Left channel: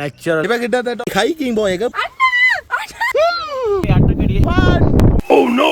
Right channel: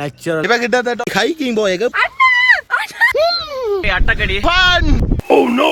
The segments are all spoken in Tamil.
நேச்சுரல் இப்ப கிட்டத்தட்ட ஹைக்கிங் போயக்கு அட்டக்கடி ஓ நோ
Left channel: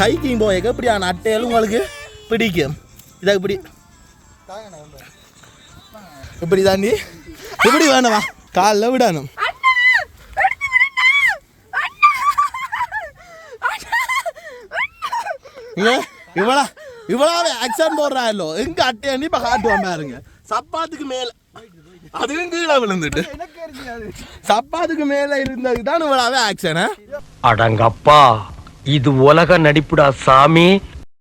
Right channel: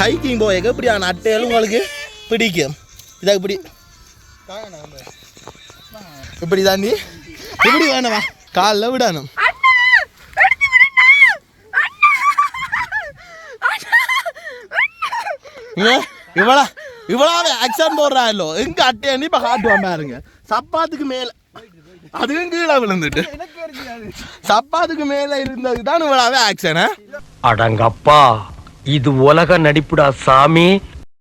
ஹைக்கிங் போயக்கு இப்படியான அட்டைகள் உங்களுக்கு பிடிக்கும் இதை இப்படி இப்படி தாண்டி இப்படி வேணவா காலில் விடணும் இவ்வளவு ஆக்சன் போடுறாங்களோ எங்க அட்டையன்னு இப்ப காட்டுவான் பாருங்க சப்பாத்துக்கு மேல அதுவும் கீழே விழுந்துட்டு சப்பாத்துக்கு மேல இருந்ததுக்கு தான் இவ்வளவு ஆக்சன் அடங்கப்பா இது உலக நடிப்புடா சாமி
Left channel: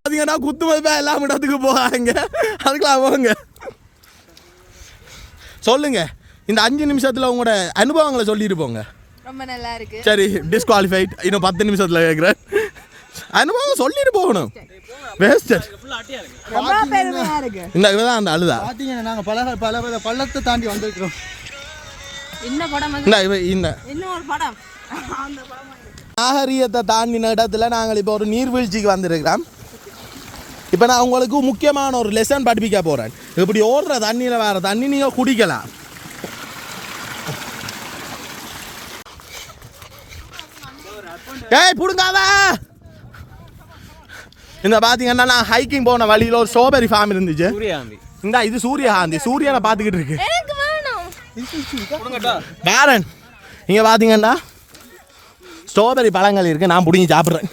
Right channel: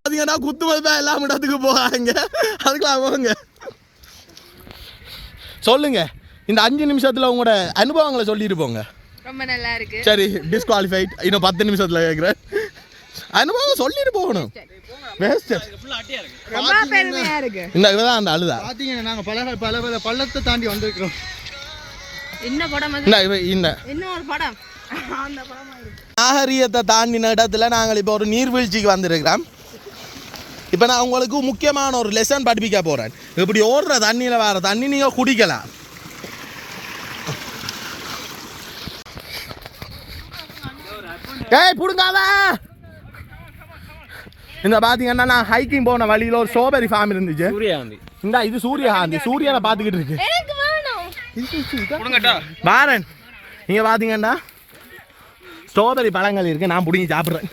பாத்தீங்கன்னா குத்து மதிப்பா எல்லாம் இடத்துக்கு போகாங்க அதுக்கெல்லாம் போங்க சொல்லுங்க இந்த 5 நிமிஷத்துல உங்களோட அனுபவங்களை சொல்லிட்டு போங்க ரொம்ப நல்லா இருக்கு சரி டிஸ்குவாலிஃபைட் இன்னும் 10 நிமிஷத்துல கேட்குறேன் அனுபவம் சொல்லிட்டு போகணும் ரொம்ப பெருமையா இருக்கு இந்த இதுதான் அந்த அழுதா பாத்தீங்கன்னா நாங்க பல பள்ளத்தை தாண்டி வந்திருக்கிறோம் என்ன படம் இன்னொரு படம் அந்த படம் நாகரீகத்தை தாண்டின இடத்துல நாங்கள் இப்போ ஒரு நீர்வீழ்ச்சிக்கு வந்திருக்கிறோம் இப்போ நான் உங்களுக்கு முக்கியமான ஒரு லெசன் படிப்பிக்க போகிறேன் இப்படி ஓடுற தண்ணியில் வர தண்ணி நீங்கள் குடிக்கலாம் ஏய் புடுங்காதா இந்த பார்த்தீங்கன்னா நான் ஹைக்கிங் போன வழியில் ஒரு ஸ்ட்ராபெரி ஃபார்ம் இருந்துச்சு இந்த இது சூரியகாந்தி சூரியனை பார்த்துக்கிட்டு இருக்கு பாரன் நீங்கள் பார்த்தீங்கன்னா ஸ்ட்ராபெரி பழங்கள் இருக்கு நான் பிடிங்கி சாப்பிட்றேன்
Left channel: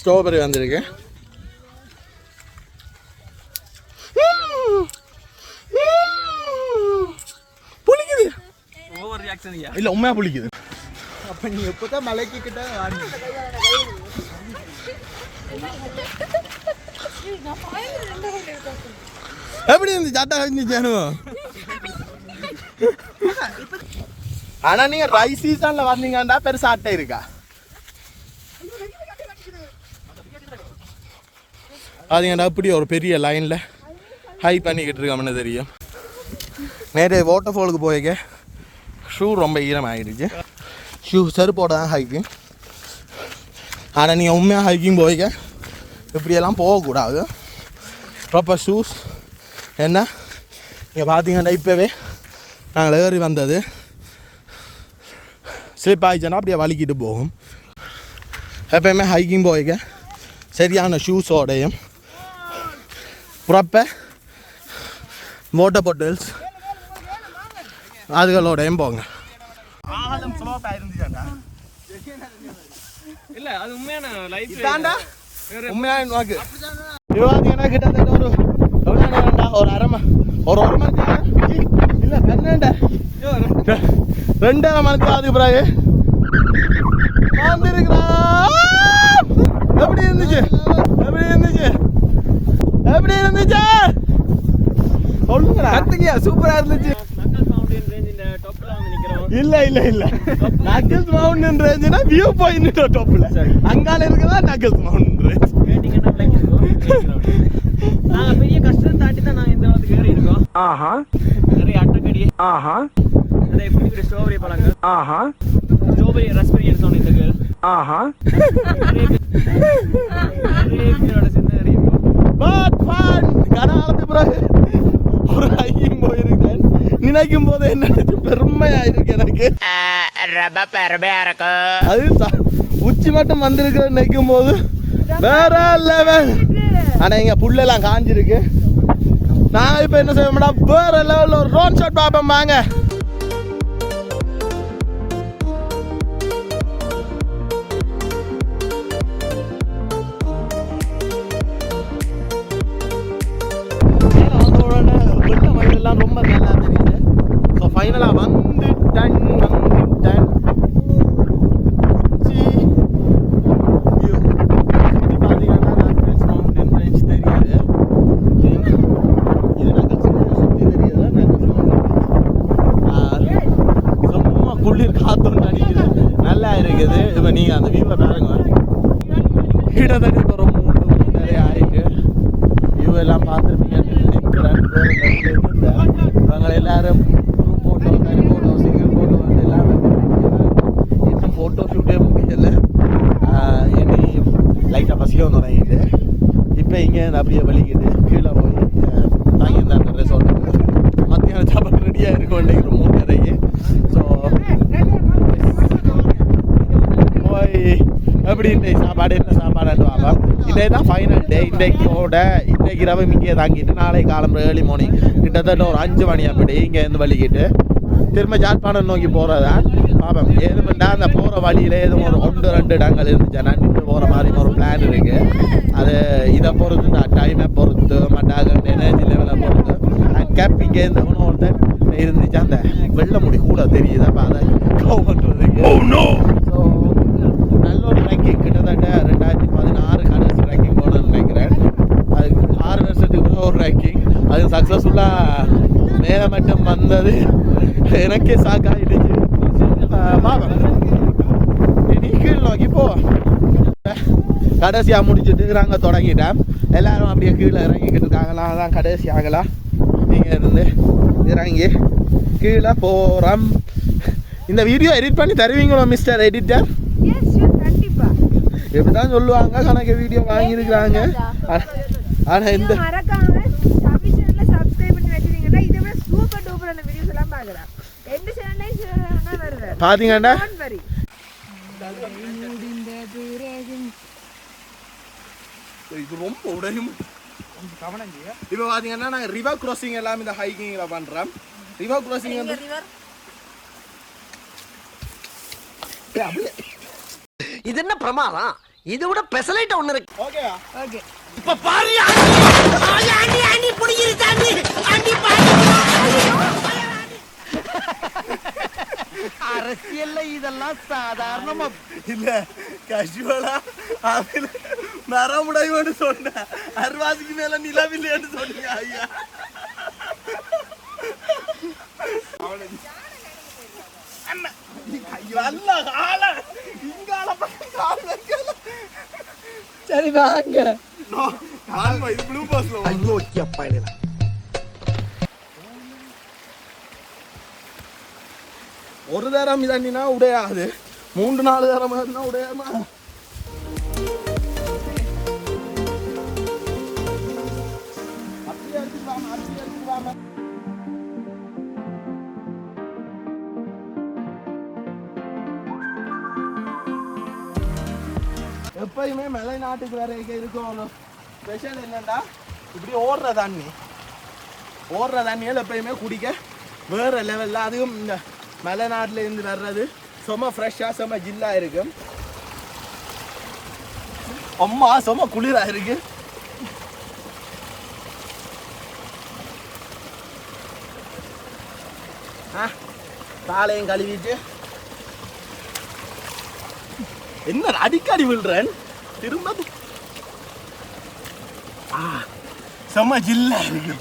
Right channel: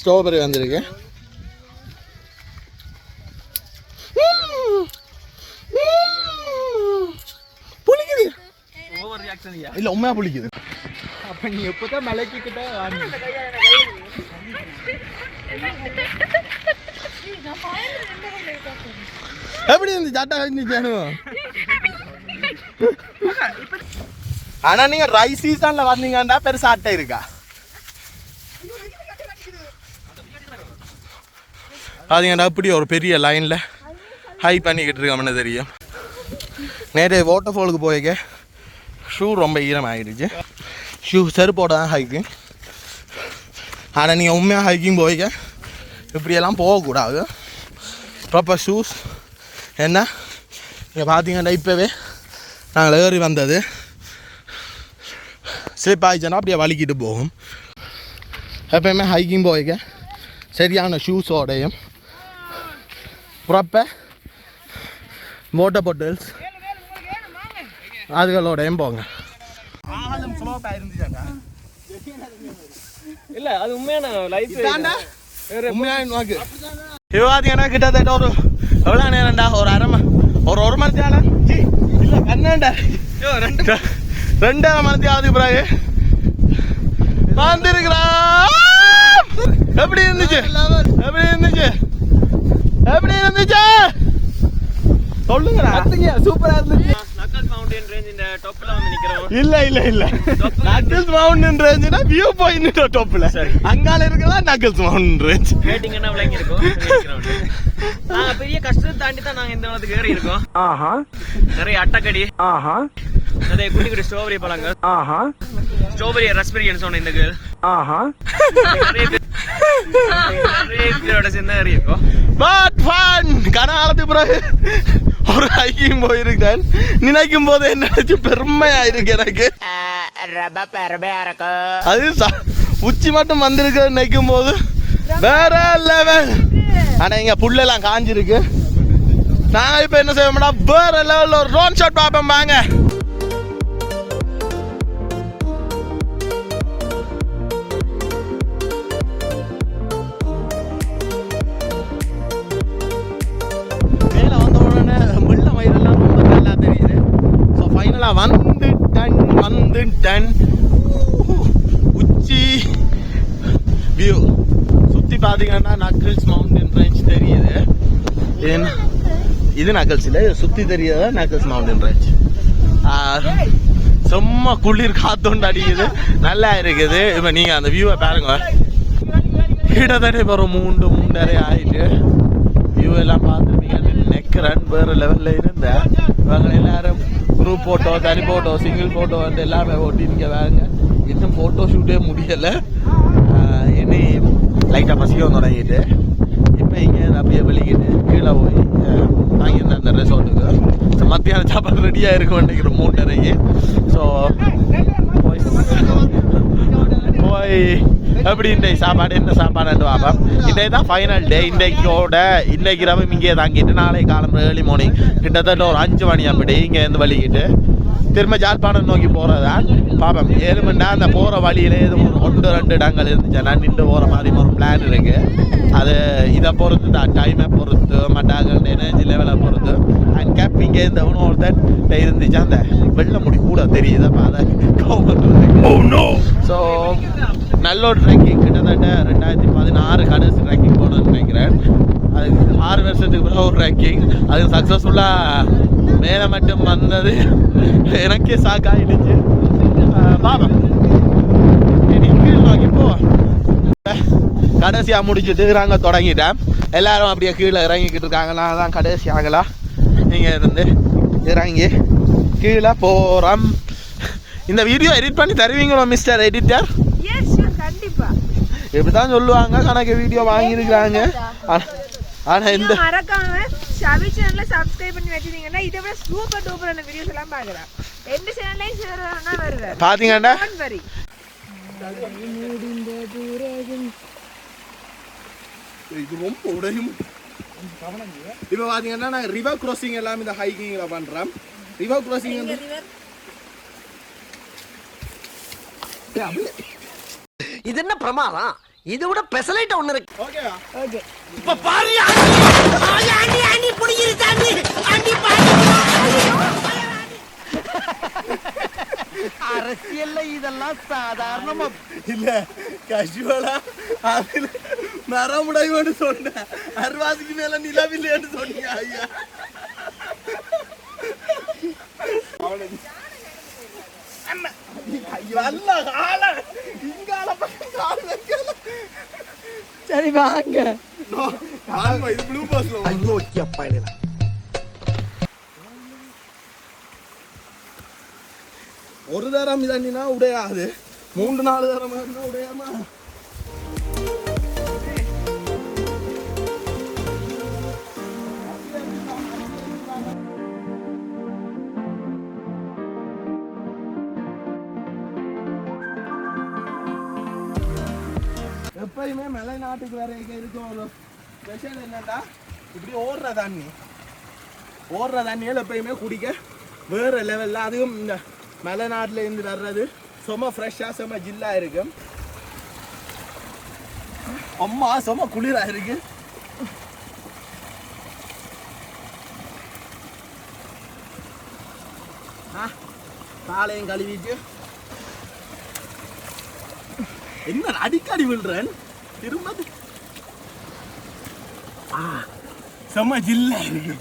ஸ்ட்ராபெரி வந்திருக்கு புளிக்குது இல்ல உண்மையா புளிக்குது அப்ப நீ எப்பதான் மலைக்கு கிட்ட எப்படி இருந்து சட்டா இருந்துச்சு ஆனா நீங்க ரைஸ் சீசன்ல வந்தீங்கன்னா பெருசா அட்டை இருக்கா அதுங்கடா அப்படி ஒரு பெரிய லைன்ல ஹை பண்ணிக்கிட்டு இருக்கோம்னு தெரியும் நேரே வாட்டர் ஃபாலுக்கு போய்க்க ஷூ ரொம்ப ஈரம் ஆகிடுச்சு ஷூ செருப்போட தான் ஹைக்கிங் ஆனால் நீங்கள் உண்மையாக ஹைக்கிங் போய்க்க இப்படியெல்லாம் போகக்கூடாது ப்ராப்பர் ஷூஸ் என்ன இங்கே பார்த்தீங்கன்னா இப்போவே நாங்கள் ஏறி வந்தது ஸ்லிப் ஆகிடுச்சுன்னா அப்படியே வலிக்கிட்டு போகும் எப்போயுமே ஹைக்கிங் போய்க்க சரியான ஷூஸோடையும் ப்ராப்பர் வாட்டர் பாட்டில்ஸ் அதுகளோடையும் போங்க இல்ல அது உண்மையான லைஃப் உண்மையான நோக்கு விவாதிங்கன்னா கிட்டத்தட்ட ஒரு எவ்வளோ நேரம்டா ஒரு மணி நேரம் இல்லை கண்ணாண்டா 2.5 மணி நேரத்துக்கு பிறகு வந்துருக்கிறா எப்படி இருந்துச்சு சொல்லுங்கடா சூப்பரா இருந்துச்சு நக்கல்ஸ் மவுண்டன் ரேஞ்ச் இந்த டாப்ல வந்து நிக்கிறோம் இல்ல நக்கல்ஸ் மவுண்டன் ரேஞ்ச்னா வியூ பாயிண்ட் டாப்ல அங்கால இருக்கதா நக்கல்ஸ் மவுண்டன் ரேஞ்ச் ரேட்டிங் என்ன விலைக்கு இருக்கும் நாங்க பெரிய கஷ்டம் தாண்டி தான் நாங்க இந்த இடத்துக்கு ஏறி இருக்கோம் நிறைய அட்டக்கடி நிறைய குட்டி ஸ்ட்ராபெரி பழங்கள் ஸ்ட்ராபெரி ரஸ்பெரின்னு சொன்ன இந்த கேர்ள் நிறைய பேரோட சேர்ந்து ஏறி இருக்கோம் பட் ஃபன் கனாலத்துக்கு பிறகு ஒரு ஹைக்கிங் போயிருக்கேன் நினைக்கும் போது என்ன பெருமையா இருக்கு எனக்கு அது உச்சி மட்டும் வந்திருக்க நினைக்கும் போது வேற லெவல் ஆனா இங்க புல்லெல்லாம் காஞ்சிருக்கு நான் இப்ப என்ன செய்வோம்டா வேற லெவல்ல ஒரு ரோன் ஷாட் பார்ப்போம் வாங்க ரொம்ப நல்லா தெரியுது ஸோ ஃபைனலாக வந்துட்டேன் உச்சி வியூ சுற்றி பார்த்தீங்கன்னா நக்கல்ஸ் மவுண்டன் ரேஞ்ச் தெரியுது ஏன்னா இது நக்கல்ஸ் சுற்றி தெரியாத நக்கல்ஸ் மவுண்டன் ரேஞ்ச் சும்மா குளிர் காத்தோண்டு அடிக்குது நல்லா இருக்குது இப்போ நீங்கள் அந்த வியூவை பாருங்க கிட்டத்தட்ட இப்போ ஒரு 3.5 ஆயிட்டு வியூ எல்லாம் பார்த்துருப்பீங்கன்னு நினைக்கிறேன் வேறு லெவலில் இருந்தேன் இவங்க எல்லாரும் குரூப் ஃபோட்டோ தனி ஃபோட்டோ சிங்கிள் ஃபோட்டோ வந்து எல்லாமே ஓட்டிருக்க வேறு இன்னும் ஃபோட்டோ ஷூட்டே முடியலை. இனி லைட்டாக பசிக்கவும் தொடங்கிட்டு இப்போ இங்கே அப்படியே வெளிக்கிட்டு கீழே போய் வாங்கியிருந்தேன் அந்த ரெசார்ட்டுக்கு. மத்தியானம் சாப்பாடு ரெடியாக இருக்கும் நினைக்கிறேன் 3:30. ஸோ போய் எப்படி இன்றைக்கு சாப்பாடு என்ன சாப்பாடுன்னு பார்ப்போம். இன்றைக்கு தான் ஃபைனல் டே. இன்றைக்கு இரவு இங்கே தாங்கிட்டு நாளை காலம்பு ஏர்லி மார்னிங் கிட்டத்தட்ட ஒரு 5 மணி அப்படி இங்கேருந்து வலிக்கிட்டு திரும்ப ஜாழ்ப்பாணம் நோக்கி போகிறதான் பார்ப்போம். 7 மணி நேரம் அந்த போகிற வழியில் எதுவும் ஒரு 1-2 இடங்கள் இருந்துச்சு. நான் நின்று போகிற மாதிரி ஒரு பிளான் இருக்குது. அது இதை பொறுத்து தான், டைமை பொறுத்து மட்டாக எனர்ஜி லெவலை பொறுத்து. அண்ட் கேப் இங்கே இந்த ஒருத்தன் இருந்துச்சு. அந்த வெள்ளை முடி கூட தெரியுது. அப்போ அதை கவ் பண்ணுறதுக்கு ஸோ நல்ல ஒரு ட்ரெக்கிங். கிட்டத்தட்ட 2016 கடைசி ட்ரெக்கிங் போகணுன்னு நினைக்கிறேன். அது 6 வருஷத்துக்கு பிறகு ஒரு ட்ரெக்கிங். அது சக்ஸஸ்ஃபுல்லாக மேலே மட்டும் வந்தது எனக்கே சாக்காயிடுச்சு. பாப்போம் இனி கீழ் நோக்கி போவோம். கடைசியாக முடிச்சுட்டு நாங்கள் தொடங்கிட்டேன். எல்லாரும் அப்படியே கீழே இறங்கிக்கிட்டு இருக்காங்க. நான் தான் கடைசி ஆகலாம். நீங்கள் இருந்து இறங்கி கீழே போகிறோம். இந்த வீடியோ எடிட் பண்ணி தருவீங்களோ மிஸ்டர் எடிட்டர்? கண்டிப்பா இப்படி தான் சொல்லுவாங்க. கணக்கு வீடியோ வாங்கியிருக்கிறாங்க. ஆனால் இந்த மறக்காம ஷாபி சேனலை சப்ஸ்கிரைப் பண்ணி வச்சிருந்தீங்கன்னா இதை விட சூப்பர் டூப்பரான வீடியோஸ் எல்லாம் பார்க்கலாம். எந்த சேனலையும் சேரணும்னா வருவேன். பார்த்தீங்கன்னா இது ரொம்ப உடையும். இப்போ பார்த்தீங்கன்னா நாங்கள் ரிவர் கிராசிங் எல்லாம் இந்த ஹைக்கிங்கில் பண்ணுறோம். ரிவர் கிராசிங் வந்து இது என்ன பிரமாதம்? இதை விட பெசலைட் ஒண்ணு இருக்கு. ஓகேவா? ஓகே இப்ப பாரு ஆண்டி ஆண்டி புடிங்கிருச்சு ஆண்டி ஆண்டி அரசியல்ல இதெல்லாம் சாதாரணமா இல்ல கேஷுவலா அதுல நரமுடையோன்னு சொன்னேன். அறுவாசிக்கு மேல நிலவில்லைன்னு சொன்னீங்க ஐயா. சரி வாங்க. இது ப்ளூ பஸ்ல ஐயோக்கிய பயணம். ஒரு தரம் இதன்னா உடையாது. 3-4 தரம் உடையாம. எப்பயுமே மலை நாட்டுக்கு வேற இருக்கும். ஸ்பெஷல் என்னன்னா இப்படி ஓடுற தண்ணியில் எப்பயுமே குடிக்க வேற லெவலில். அதுவும் இந்த மலை நாட்டில் இருந்து வர்றது சும்மா ஃப்ரெஷ்ஷாக சும்மா ஜில்லாக இருக்கும். அம்மா சும்மா குளிராக இருக்கு. காலையும் கழுவிட்டு என்ன அடிக்கடி விழுறேன் திரும்ப. செம்ம ஜில்லா இருக்கு.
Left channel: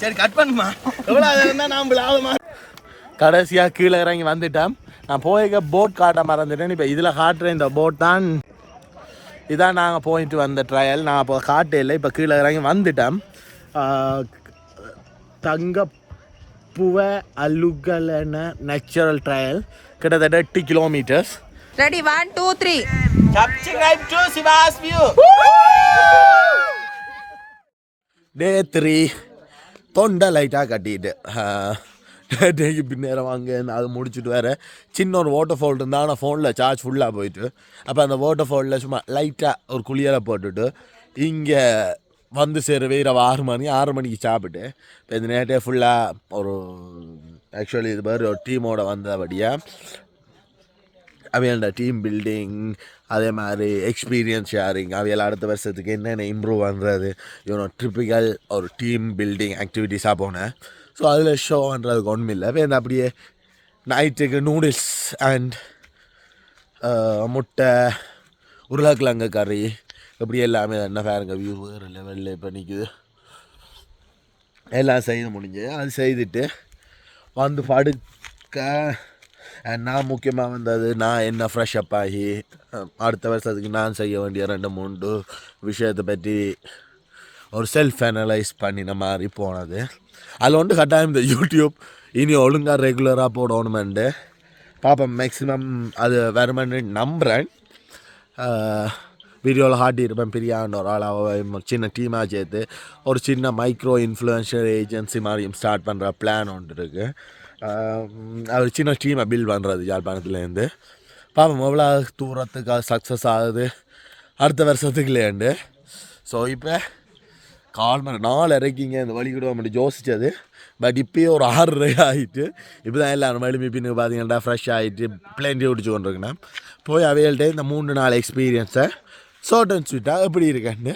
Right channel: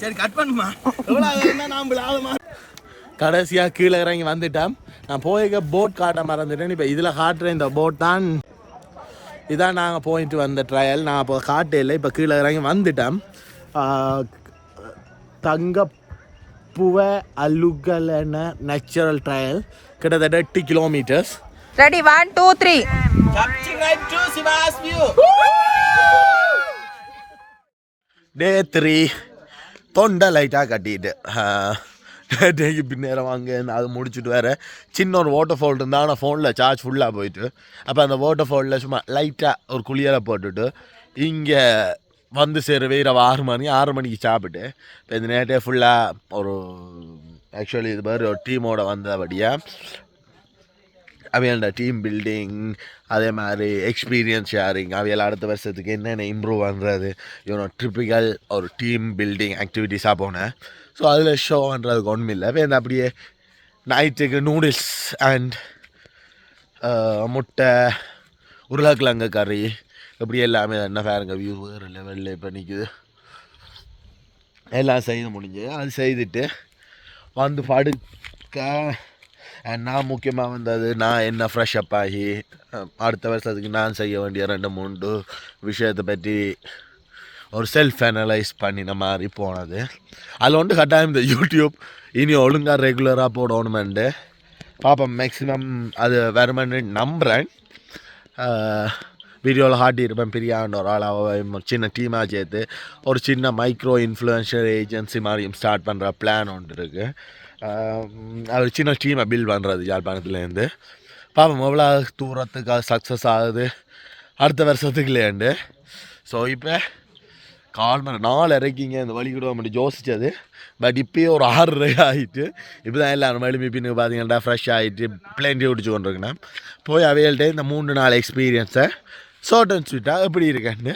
சரி கட் பண்ணுமா. கடைசியாக கீழே இறங்கி வந்துட்டேன். நான் போய்க்க போட் காட்ட மறந்துட்டேன். இப்போ இதில் காட்டுற இந்த போட் தான். இதான் நாங்கள் போயிட்டு வந்த ட்ரையல். நான் இப்போ காட்டையில் இப்போ கீழே இறங்கி வந்துட்டேன். தங்கப்புவ அலுகலன நேச்சுரல் ட்ரையல் கிட்டத்தட்ட 8 கிலோமீட்டர்ஸ். ரெடி 1 2 3 டே 3 தொண்டை லைட்டாக கட்டிட்டு டேக்கு பின்னேரம் வாங்க. அது முடிச்சுட்டு வேறு சின்ன ஒரு வாட்டர் ஃபால் இருந்தால் ஆனால் ஃபோனில் சார்ஜ் ஃபுல்லாக போயிட்டு அப்போ அந்த வாட்டர் ஃபாலில் சும்மா லைட்டாக ஒரு குளியலை போட்டுட்டு இங்கே வந்து சேரவே இரவு 6 மணிக்கு சாப்பிட்டு இப்போ இந்த நேரத்தே ஃபுல்லாக ஒரு ஆக்சுவலி இது மாதிரி ஒரு டீமோட வந்தபடியாக அவையோட டீம் பில்டிங் அதே மாதிரி எக்ஸ்பீரியன்ஸ் ஷேரிங் அவையில் அடுத்த வருஷத்துக்கு என்னென்ன இம்ப்ரூவ் பண்ணுறது ட்ரிப்பிக்கல் ஒரு டீம் பில்டிங் ஆக்டிவிட்டீஸாக போனேன். ஸோ அதில் ஷோ பண்ணுறதுக்கு ஒன்றும் இல்லை. இப்போ இந்த அப்படியே நைட்டுக்கு நூடுல்ஸ் அண்ட் முட்டை உருளைக்கிழங்கு கறி இப்படி எல்லாமே என்ன பாருங்க வியூ வேறு லெவலில் இப்போ நிற்குது. எல்லாம் செய்து முடிஞ்சு அது செய்துட்டு வந்து படுக்க நான் முக்கியமாக வந்தது நான் என்ன ஃப்ரெஷ் அப் ஆகி அடுத்த வருஷத்துக்கு நான் செய்ய வேண்டிய 2-3 விஷயத்தை பற்றி ஒரு செல்ஃப் அனலைஸ் பண்ணின மாதிரி போனது. அதில் வந்து கட்டாயம் இந்த யூடியூப் இனி ஒழுங்காக ரெகுலராக போடணுமெண்டு பார்ப்போம். மேக்ஸிமம் அது வருமென்னு நம்புகிறேன். வீடியோவில் காட்டியிருப்பேன் பெரியாண்ட ஒரு ஆளாக சின்ன டீமாக சேர்த்து ஒரு சின்ன மைக்ரோ இன்ஃப்ளூயன்ஷியல் ஏஜென்சி மாதிரியும் ஸ்டார்ட் பண்ணுற பிளான் ஒன்று இருக்குது. அது சின்ன டீமை பில்ட் பண்ணுறது யாழ்ப்பாணத்துலேருந்து. பாப்போம் எவ்வளோ தூரத்துக்கு அது சக்ஸஸ் ஆகுது அடுத்த வருஷத்துக்குலேண்டு. ஸோ இப்போ 4:30 இந்த வழி கூட மட்டும் யோசித்தது. பட் இப்போயே ஒரு 6:30 ஆகிட்டு இப்போ தான் எல்லோரும் மறுபடியும் பின்னுக்கு பார்த்தீங்கன்னா ஃப்ரெஷ் ஆகிட்டு பிளேன்ட்டி ஓடிச்சு கொண்டிருக்கேன்னா போய் அவைகள்கிட்ட இந்த 3 நாள் எக்ஸ்பீரியன்ஸை ஷார்ட் அண்ட் ஸ்வீட்டாக எப்படி இருக்கேன்னு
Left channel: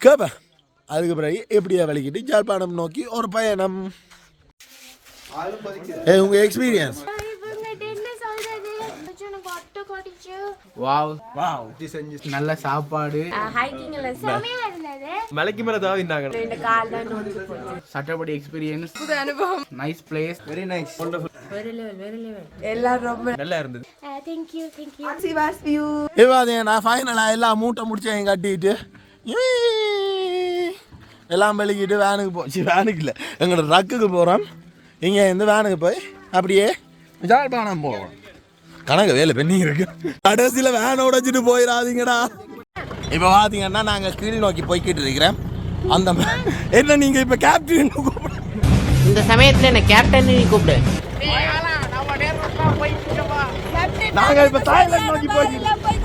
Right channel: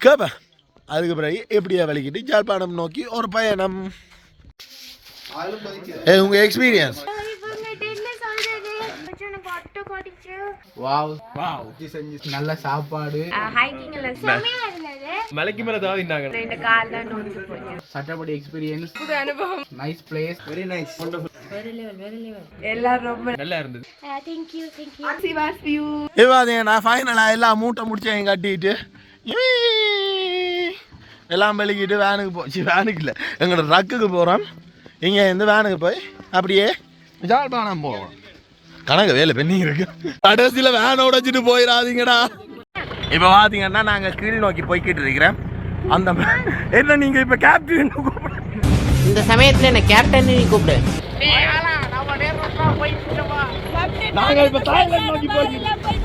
கேட்பேன். அதுக்கு பிறகு எப்படியா வலிக்கிட்டு யாழ்ப்பாணம் நோக்கி ஒரு பயணம். உங்கள் எக்ஸ்பீரியன்ஸ் நல்ல சாப்பாடு மலைக்கு மேல சட்டப்படி experience nice place very nice எல்லாரும் ரொம்ப நல்லா இருந்தது. நான் ஃபைனலாக எல்லாம் மூட்டை முடிச்சேன் கட்டிட்டு எல்லாம் வெளிக்கிட்டு வேனுக்கு போச்சு. வேனுக்கு இல்லை எங்களோட ட்ரக்குக்கு போகிறோம். இங்கே இந்த வேனுக்கு போய் அப்படியே யாழ்ப்பாணம் போவோம். கணக்கு வேலை பெண்ணிங்க இருக்கு. கடைசியில் வேனை உடைச்சிட்டு போயிடாதீங்கடா. இப்போ பார்த்தீங்கன்னா நாங்கள் கீழ் நோக்கி போய்கிட்டு இருக்கிறேன். அந்த என்ன நீங்கள் இப்போ கேப்டன் இந்த சமயத்துல என்ன கேப்டன் நீ கூப்பிடு. நாங்கள் இப்போ தாய்லாந்து நோக்கி போய்கிட்டு